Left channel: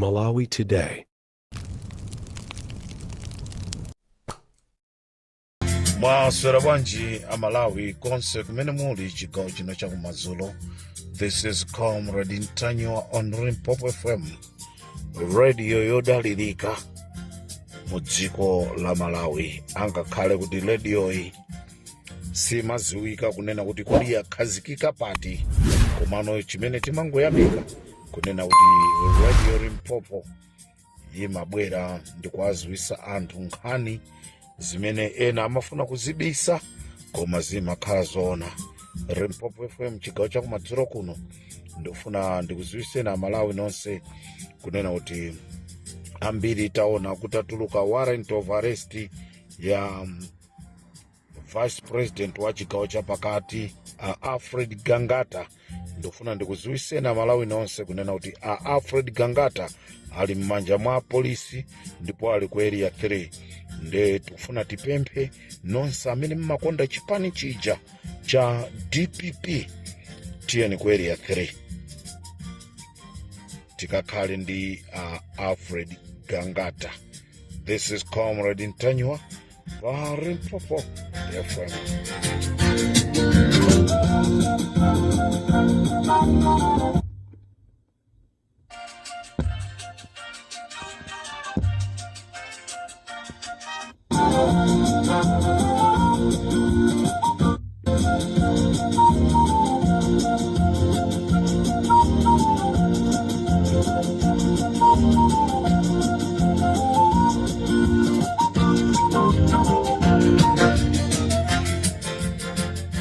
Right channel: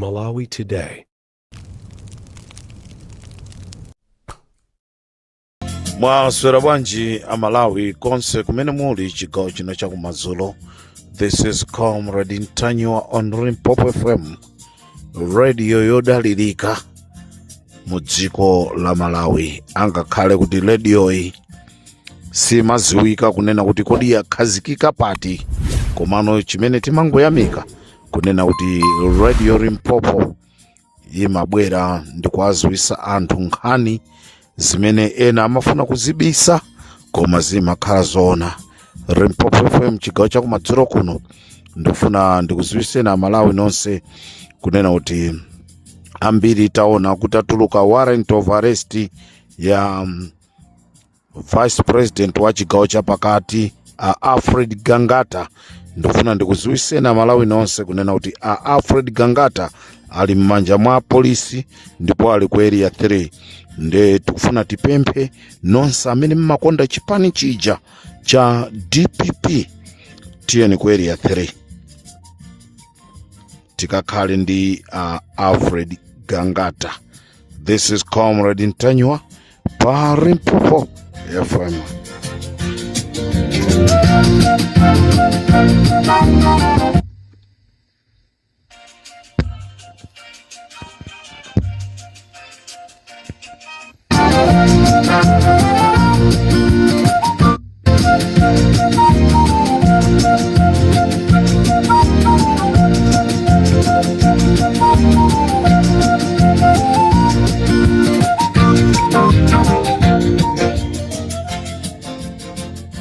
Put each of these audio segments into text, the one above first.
Malawi Today. Mwaswera bwanji Amalawi konse kumene muli chigawo chino chakumadzulo. This is Comrade Ntanywa on Limpopo FM, radio yodalirika mu dziko la Malawi. Angakhale kuti radio iyi simaziwika kunena kuti kodi yakhazikika pati, komano chimene timangoyamika kunena kuti radio Limpopo imabwera ndi kuwaziwisa anthu nkhani zimene ena amafuna kuzibisa koma zimakhala zoona. Limpopo FM chigawo chakumadzulo kuno ndifuna ndikuziwiseni Amalawi nonse kunena kuti ambiri taona kutatuluka warrant of arrest ya Vice President wa chigawo chapakati Alfred Gangata. Ndifuna ndikuziwiseni Amalawi nonse kunena kuti Alfred Gangata ali m'manja mwa polisi ndipo ali ku area 3. Nde tikufuna tipemphe nonse amene mmakonda chipani chija cha DPP tiyeni ku area 3 tikakhale ndi Alfred Gangata. This is Comrade Ntanywa pa Limpopo FM.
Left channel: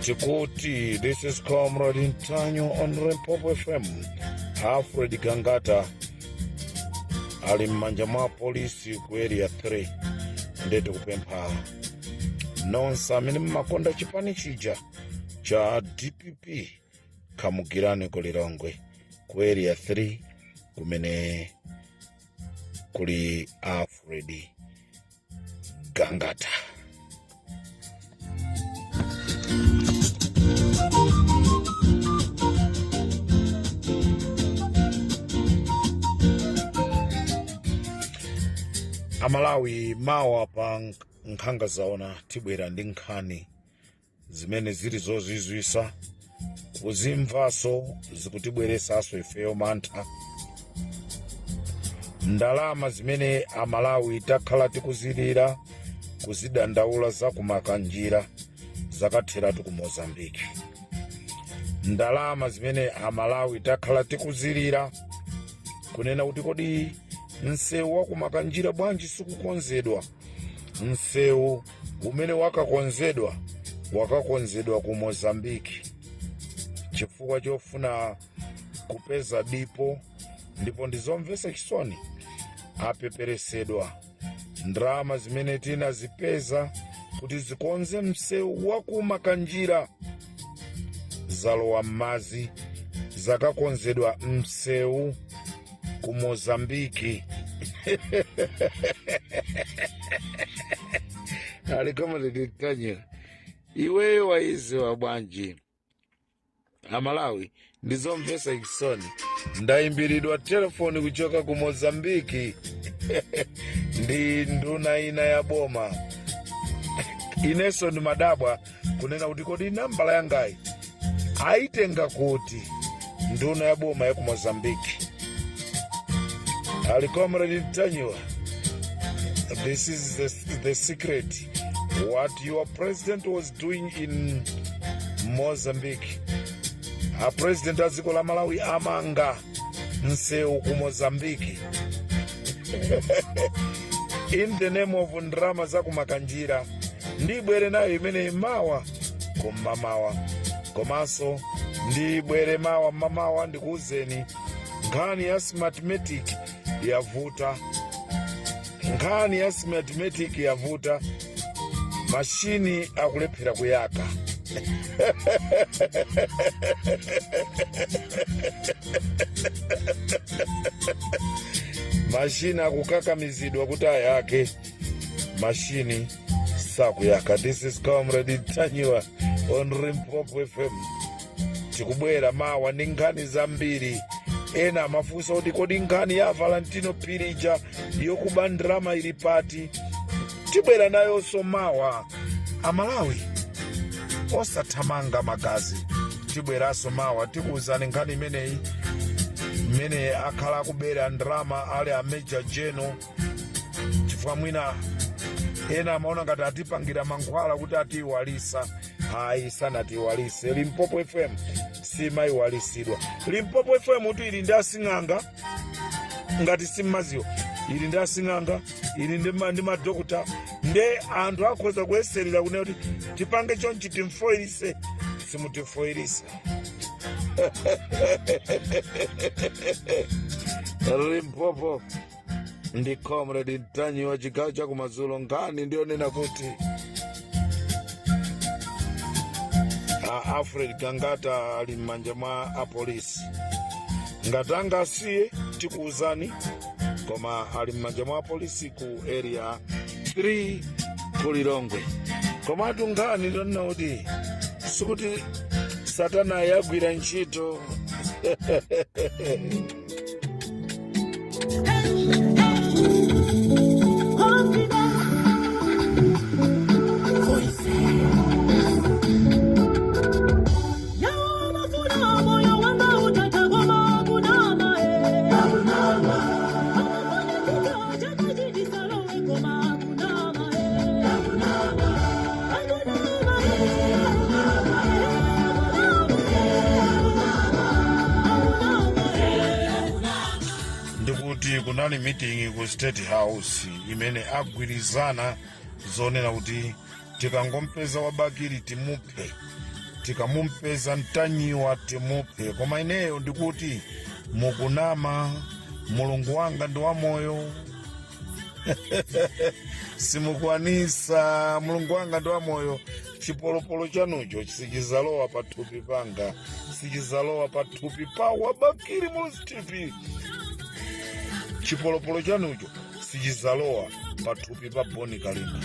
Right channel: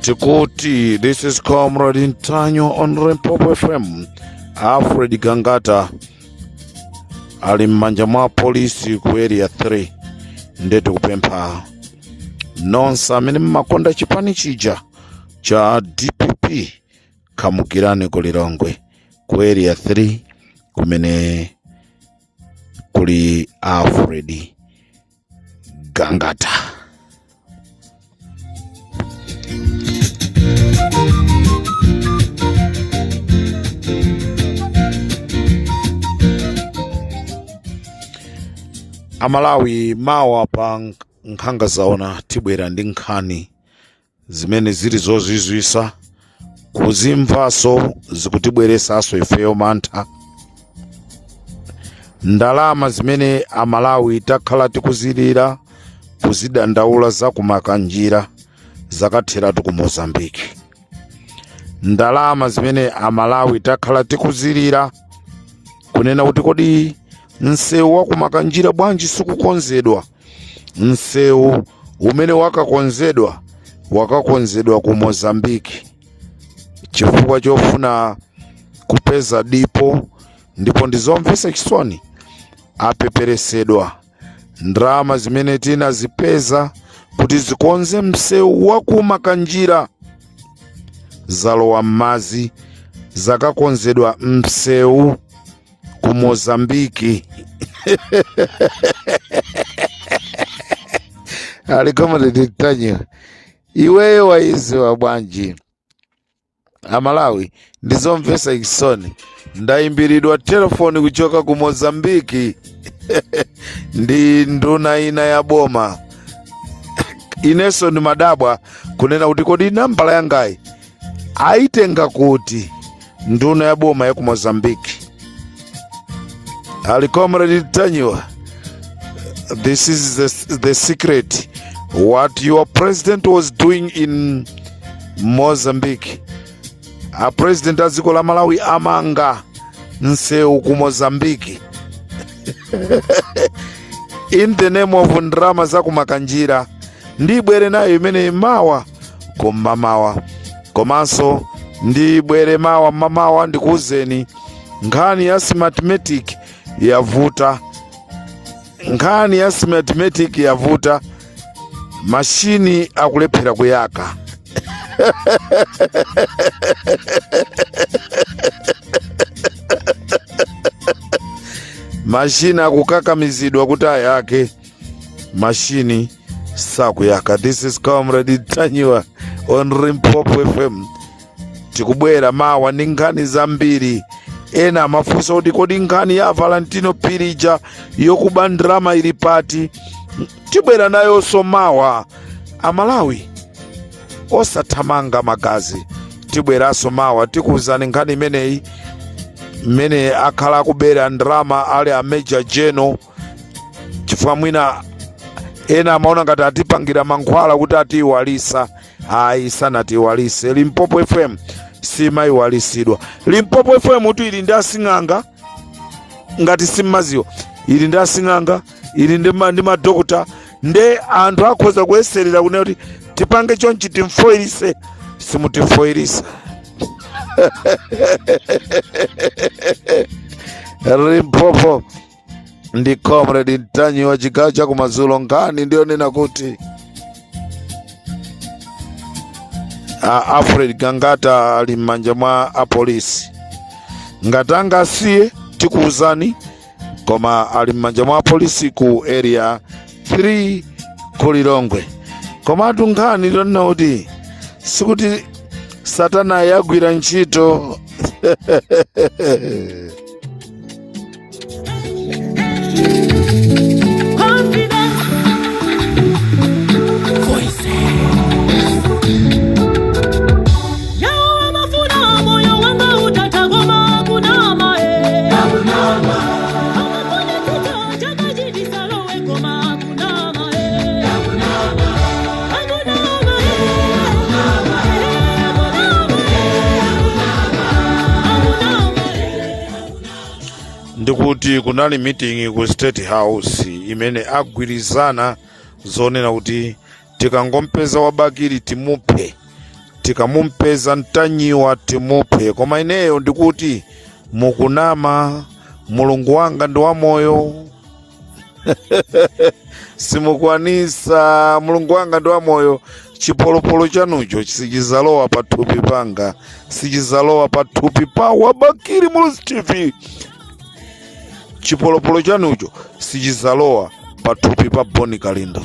Tikuti, this is Comrade Ntanywa on Limpopo FM. Alfred Gangata ali m'manja mwa polisi ku area 3. Ndetu kupempha nonse amene mmakonda chipani chija cha DPP kamukirane ku Lilongwe ku area 3 kumene kuli Alfred Gangata. Amalawi mawa pa nkhanga zaona tibwera ndi nkhani zimene zili zozizwisa kuzimvaso zikutibweresaso ifeyo mantha. Ndalama zimene Amalawi takhala tikuzilira kuzidandaula za kumakanjira zakatheratu ku Mozambique. Ndalama zimene Amalawi takhala tikuzilira kunena kuti kodi nsewu wakumakanjira bwanji sikukonzedwa. Nsewu umene wakakonzedwa ku Mozambique chifukwa chofuna kupeza dipo, ndipo ndizomvesa chisoni apeperesedwa. Ndalama zimene tinazipeza kuti zikonze msewu wakumakanjira zalowa m'madzi, zakakonzedwa msewu ku Mozambique. Comrade Ntanywa, iweyo waiziwa bwanji? Amalawi ndizomvesa chisoni ndayimbiridwa telefoni kuchoka ku Mozambique ndi nduna ina ya boma. Ineso ndi madabwa kunena kuti kodi nambala yangayi aitenga kuti nduna ya boma ya ku Mozambique. Comrade Ntanywa, this is the secret what your president was doing in Mozambique. A president aziko la Malawi amanga nsewu ku Mozambique in the name of ndrama za kumakanjira. Ndibwere nayo imene mawa koma mawa komanso ndibwere mawa mamawa ndikuuzeni nkhani ya mathematic yavuta. Nkhani ya mathematic yavuta, mashini akulephera kuyaka. Mashini akukakamizidwa kuti ayake, mashini sakuyaka. This is Comrade Ntanywa on Limpopo FM. Tikubwera mawa ndi nkhani zambiri ena amafunsa kuti kodi nkhani ya Valentino Pilija yokuba ndrama ili pati. Tibwera nayo somawa. Amalawi osathamanga magazi, tibweraso mawa tikuwuzani nkhani imeneyi mmene akhala akubera ndrama ali a Major General, chifukwa mwina ena amaona ngati atipangira mankhwala kuti atiiwalisa. Ayi, sanatiiwalise. Limpopo FM simayiwalisidwa. Limpopo FM kuti ili ndi asing'anga ngati simmaziwa, ili ndi asing'anga, ili ndi madokota, nde anthu akhoza kuyeserera kunena kuti tipange chonchi timfoirise, simutimfoirisa. Limpopo ndi Comrade Ntanyi wa chigawo cha kumadzulo. Nkhani ndiyo nena kuti Alfred Gangata ali m'manja mwa apolisi. Ngati angasiye tikuwuzani, koma ali m'manja mwa apolisi ku area 3 ku Lilongwe. Komatu nkhani ndiyonena kuti sikuti Satana yagwira ntchito. Ndikuti kunali meeting ku State House imene agwirizana zonena kuti tikangompeza wabakiri timuphe, tikamumpeza Ntanyiwa timuphe. Koma ineyo ndikuti mukunama, Mulungu wanga ndi wamoyo. Simukwanisa, Mulungu wanga ndi wamoyo. Chipolopolo chanucho sichizalowa pathupi panga, sichizalowa pathupi pa wabakiri Muluzi TV. Chipolopolo chanucho sichizalowa pathupi pa Boni Kalinda.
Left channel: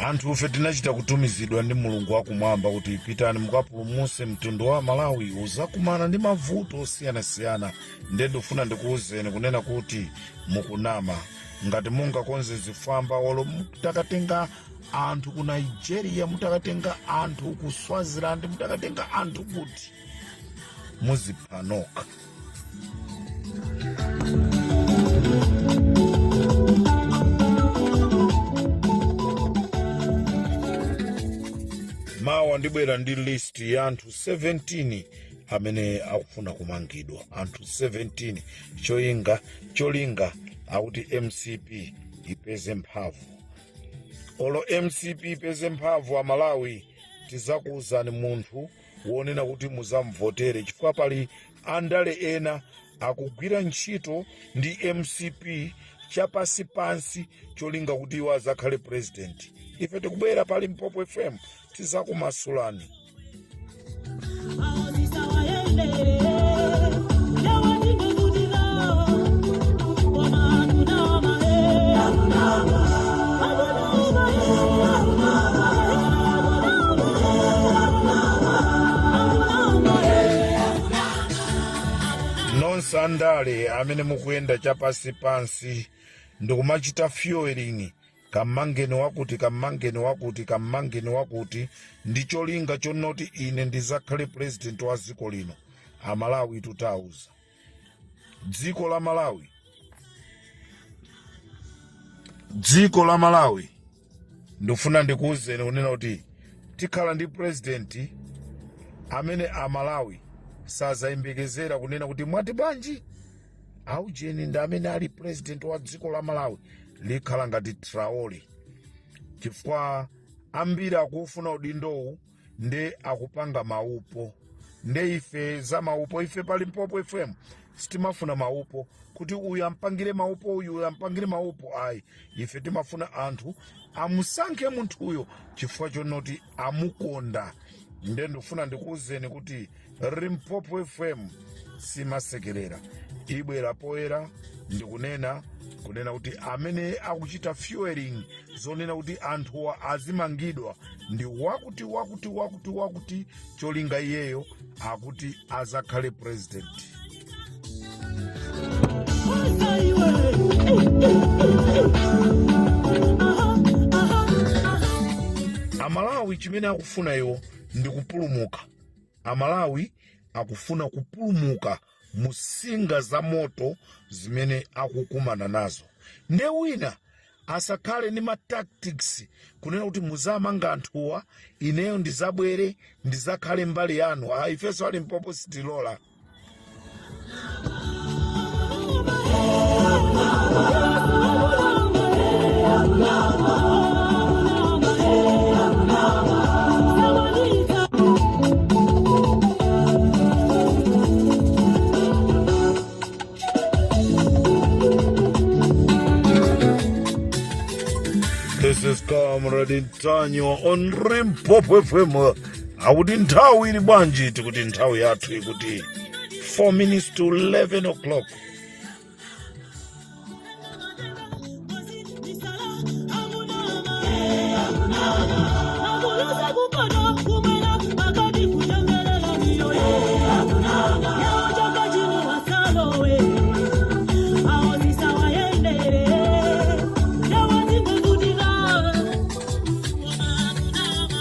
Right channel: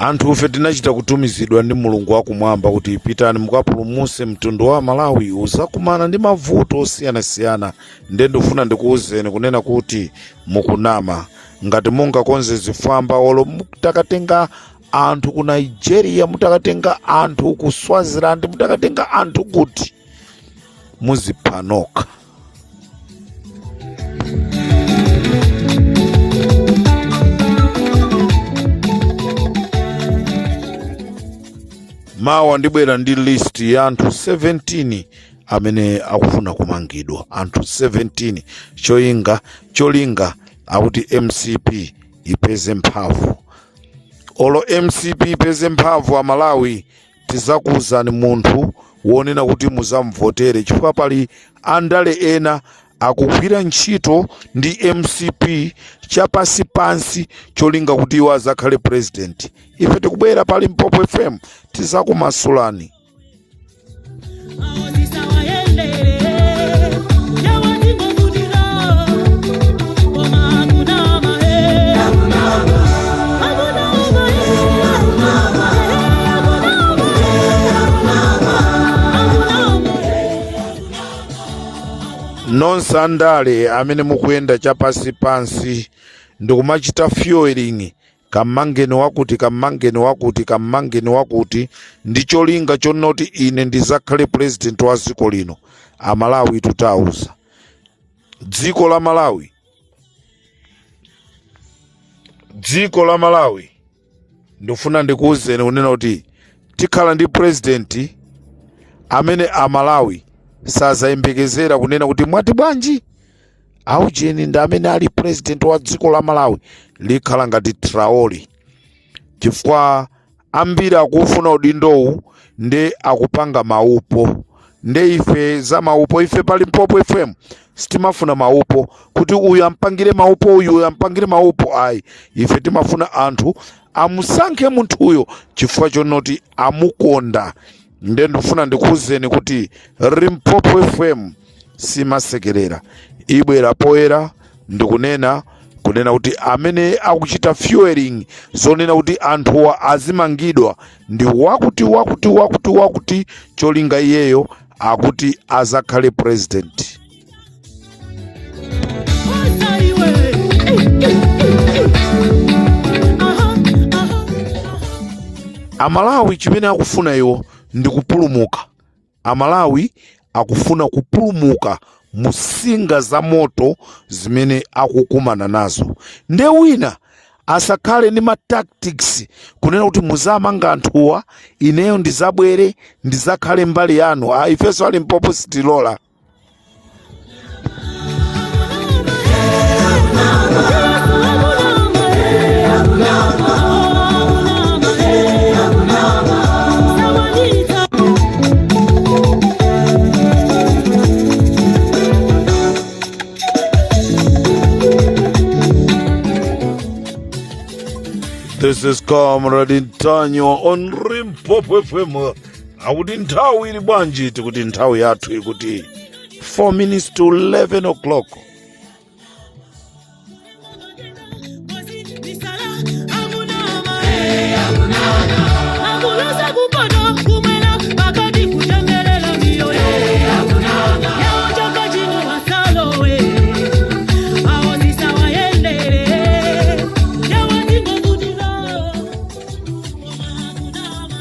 Anthu ufe tinachita kutumizidwa ndi Mulungu wakumwamba kuti pitani mukapulumuse mtundu wa Malawi uzakumana ndi mavuto osiyanasiyana. Nde ndifuna ndikuwuzeni kunena kuti mukunama ngati mungakonze zifwamba, olo mutakatenga anthu ku Nigeria, mutakatenga anthu ku Swaziland, mutakatenga anthu kuti muzipanoka. Mawa ndibwera ndi list ya anthu 17 amene akufuna kumangidwa. Anthu 17 cholinga akuti MCP ipeze mphamvu. Olo MCP ipeze mphamvu a Malawi tizakuwuzani munthu wonena kuti muzamvotere, chifukwa pali andale ena akugwira ntchito ndi MCP chapasipansi cholinga kuti iwo azakhale president. Ife tikubwera pali Limpopo FM tizakumasulani. Nonse andale amene mukuyenda chapasipansi ndikumachita fueling kamangeni wakuti ndi cholinga chonoti ine ndizakhale president wa dziko lino. Amalawi tutauza dziko la Malawi ndifuna ndikuwuzeni kunena kuti tikhala ndi president amene Amalawi sazayembekezera kunena kuti mwati bwanji aujeni ndi amene ali president wa dziko la Malawi likhala ngati Traoli, chifukwa ambiri akufuna udindowu nde akupanga maupo. Nde ife za maupo, ife pali Limpopo FM sitimafuna maupo kuti uyu ampangire maupo, uyu ampangire maupo. Ayi, ife timafuna anthu amusankhe munthuyo chifukwa chonoti amukonda. Nde ndifuna ndikuwuzeni kuti Limpopo FM simasekerera, ibwera poyera ndikunena kuti amene akuchita fueling zonena kuti anthuwa azimangidwa ndi wakuti cholinga iyeyo akuti azakhale president. Amalawi chimene akufuna iwo ndi kupulumuka. Amalawi akufuna kupulumuka musinga za moto zimene akukumana nazo. Nde wina asakhale ndi tactics kunena kuti muzamanga anthuwa, ineyo ndizabwere ndizakhale mbali yanu. Ifenso ali Limpopo sitilola. This is Comrade Ntanyo on Limpopo FM. Akuti nthawi ili bwanji tikuti nthawi yathu ikuti 4 minutes to 11 o'clock.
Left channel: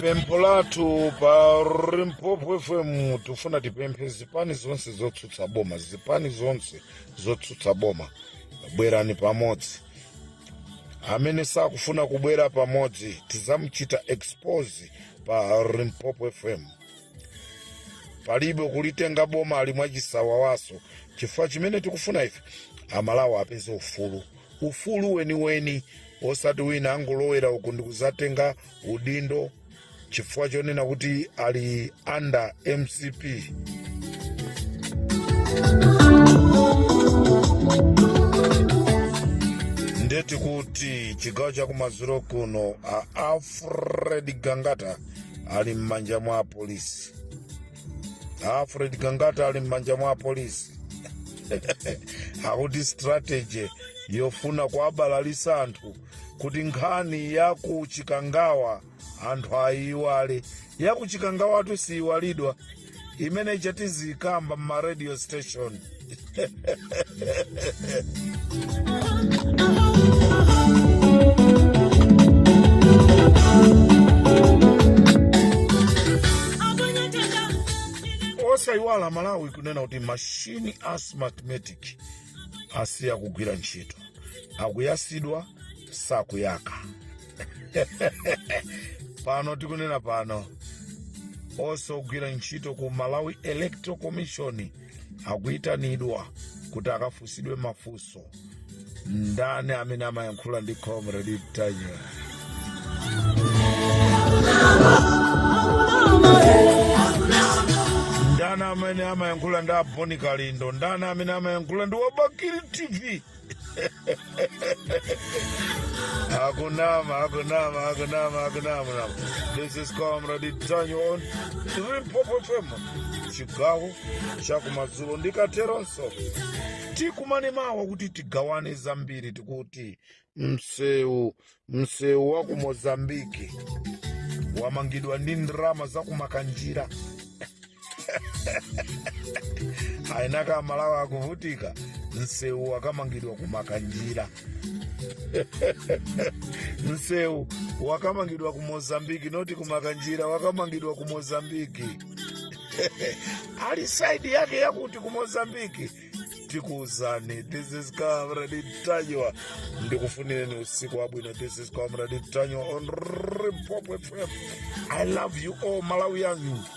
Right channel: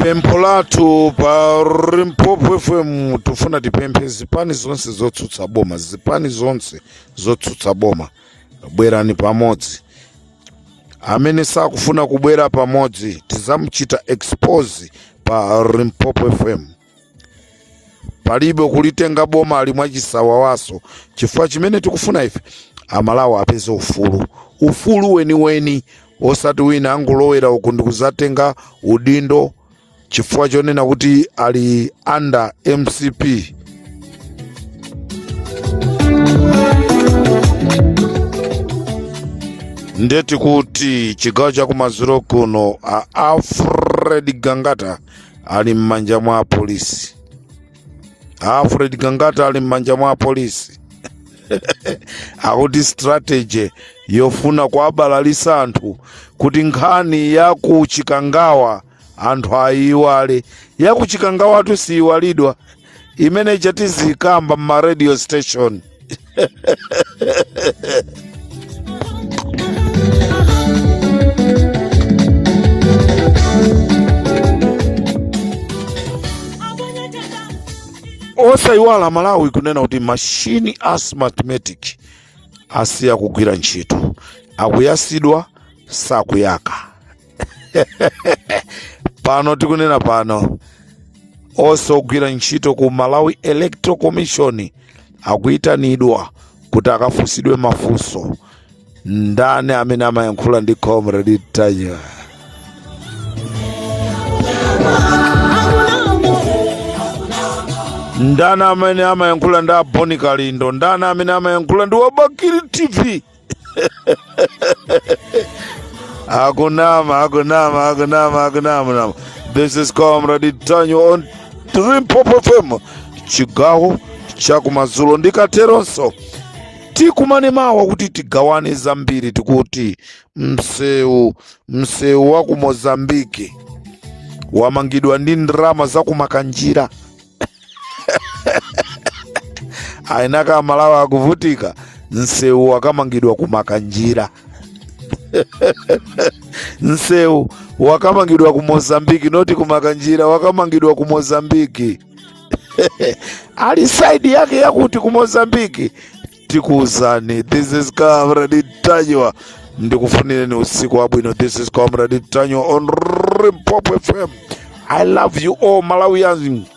Pempho lathu pa Limpopo FM tufuna tipemphe zipani zonse zotsutsa boma, zipani zonse zotsutsa boma, bwerani pamodzi. Amene sakufuna kubwera pamodzi tizamuchita expose pa Limpopo FM. Palibe kulitenga boma ali mwachisawawaso. Chifukwa chimene tikufuna ife Amalawi apeze ufulu weni osati wina angulowera uku ndikuzatenga udindo chifukwa chonena kuti ali under MCP. Ndeti kuti chigawo cha kumadzulo kuno Alfred Gangata ali m'manja mwa polisi. Alfred Gangata ali m'manja mwa polisi. Akuti strategy yofuna kuabalalisa anthu kuti nkhani ya kuchikangawa anthu ayiwale. Ya kuchikangawa atu siyiwalidwa, imene chatizikamba mma radio station. Osayiwala Malawi kunena kuti machine asthmatic asiya kugwira ntchito, akuyasidwa sakuyaka. Pano tikunena pano osogwira ntchito ku Malawi Electoral Commission akuitanidwa kuti akafusidwe mafunso. Ndani amene amayankhula ndi Comrade Ntanyo? Ndani amene amayankhula ndi Boni Kalindo? Ndani amene amayankhula ndi Wabakiri TV? Akunama. This is Comrade Ntanyo on Limpopo FM, chigawo cha kumadzulo. Ndikateronso tikumane mawa kuti tigawane zambiri, tikuti msewu wa ku Mozambique wamangidwa ndi ndrama za kumakanjira. Ainaka Malawi akuvutika, msewu wakamangidwa kumakanjira. Msewu wakamangidwa ku Mozambique, noti kumakanjira, wakamangidwa ku Mozambique. Ali side yake yakuti ku Mozambique. Tikuuzani, this is Comrade Ntanyo. Ndikufunireni usiku wabwino. This is Comrade Ntanyo on Limpopo FM. I love you all Malawians.